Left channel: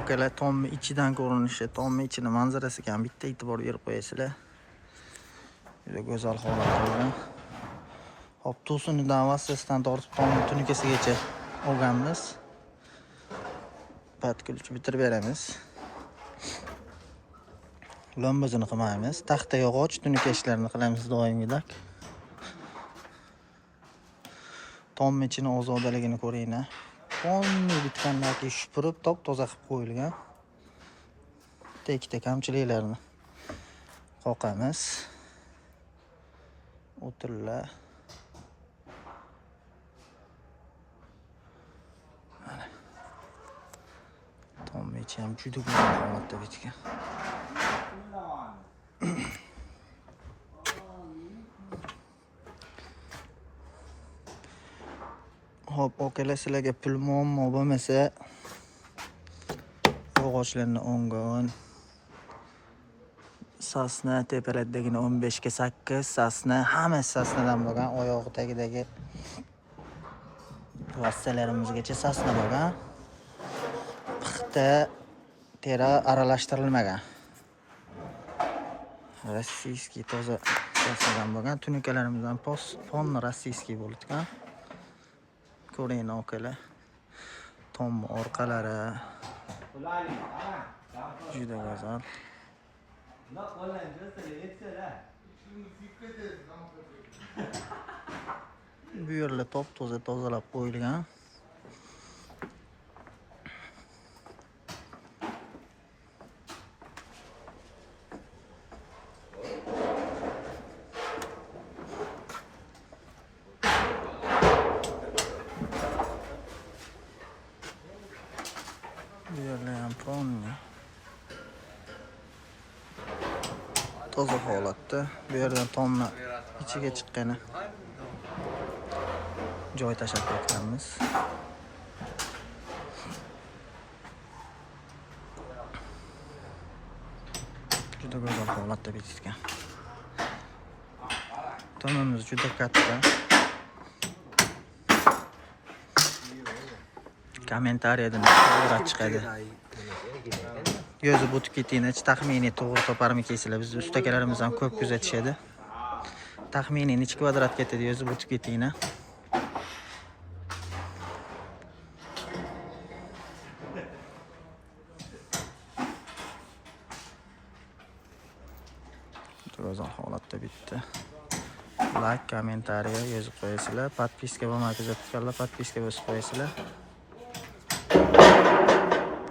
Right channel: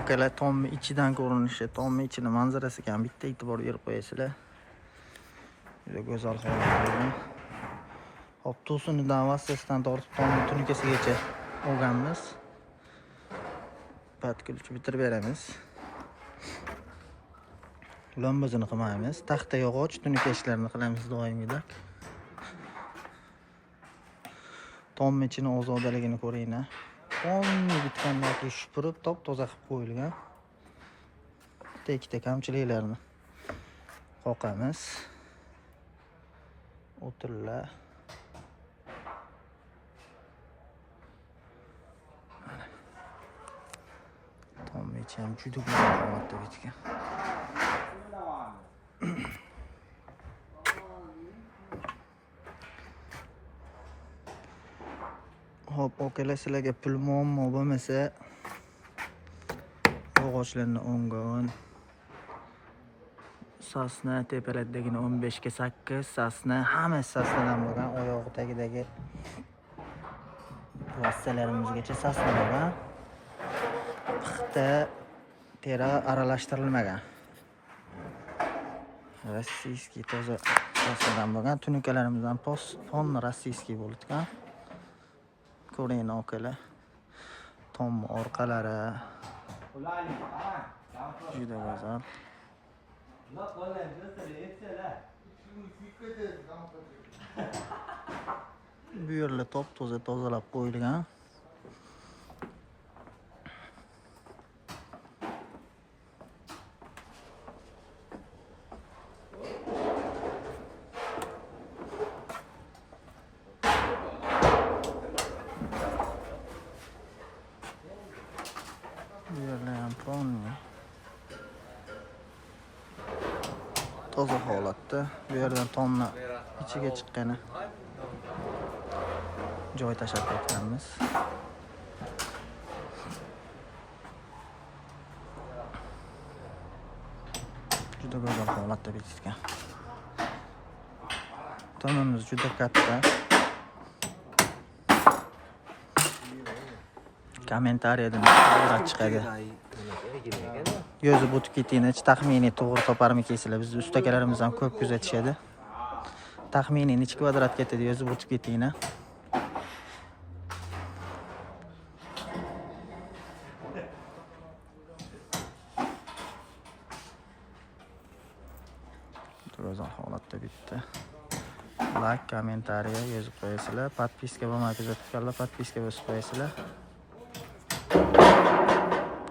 Okalar tomni ichidan ko'rinishi, tomni ichini manzarasiga ham bitta e'tibor berib qo'yasizlar. Juda go'zal holatda. Hop, to'sinidan vassasidan tortib tomni tunikasigacha olganmiz. Patkulchi bitirib beramiz. Lombozini qilmaymiz. Taxta yog'och tunika ishlarini qilamiz doimgidek. Tomni ichini ozodaligini ko'ringlar. Tomni bitgandan keyin shupurib, top-toza qilib qo'yilgan. Ikkita kamchiliklarni qoqamiz. O'tirlar. Mana. Tomni ichi ham juda go'zal holatda bitgan. Hop, okalar sizlarga pul muammo bo'lmasa, yog'ochlarni 10 ga 10, sasna tepalardagini 15 ga 8, sasna hammasi sasnadan bo'lgan, oyog'i tagidagi vassalarimizgacha sasna bo'lgan. Pixta, tera aralashtirilmagan. Rossiyskiy toza sasnadan bo'lgan. Tunikalarimizdan pon rossiyskiy bo'lgan. Ko'ringlar okalar. Tom orqalari juda go'zal. Bu yerlar top-toza tozalab qo'yilgan. Bu yerlar ham ponni. Toza holatda. Bu yerdan tomni ichiga chiqqani joy tashab ketganmiz. Juda go'zal holatda bitgan. Tomimiz juda katta. Kommentariyadan qoldirib chiqadi. Yozib o'tib ketinglar, taxminiy to'g'ri toparmikaysizlar. Biz ustakalarimiz ham ko'p kuzatishadi. Taxminiy necha kvadrat ketadi yozib o'tib ketinglar. Go'zal holatda bitdi. Like, kommentariya yozib qo'yasizlar. Podpiska bo'lmay kuzatganlar podpiska bosib qo'yasizlar.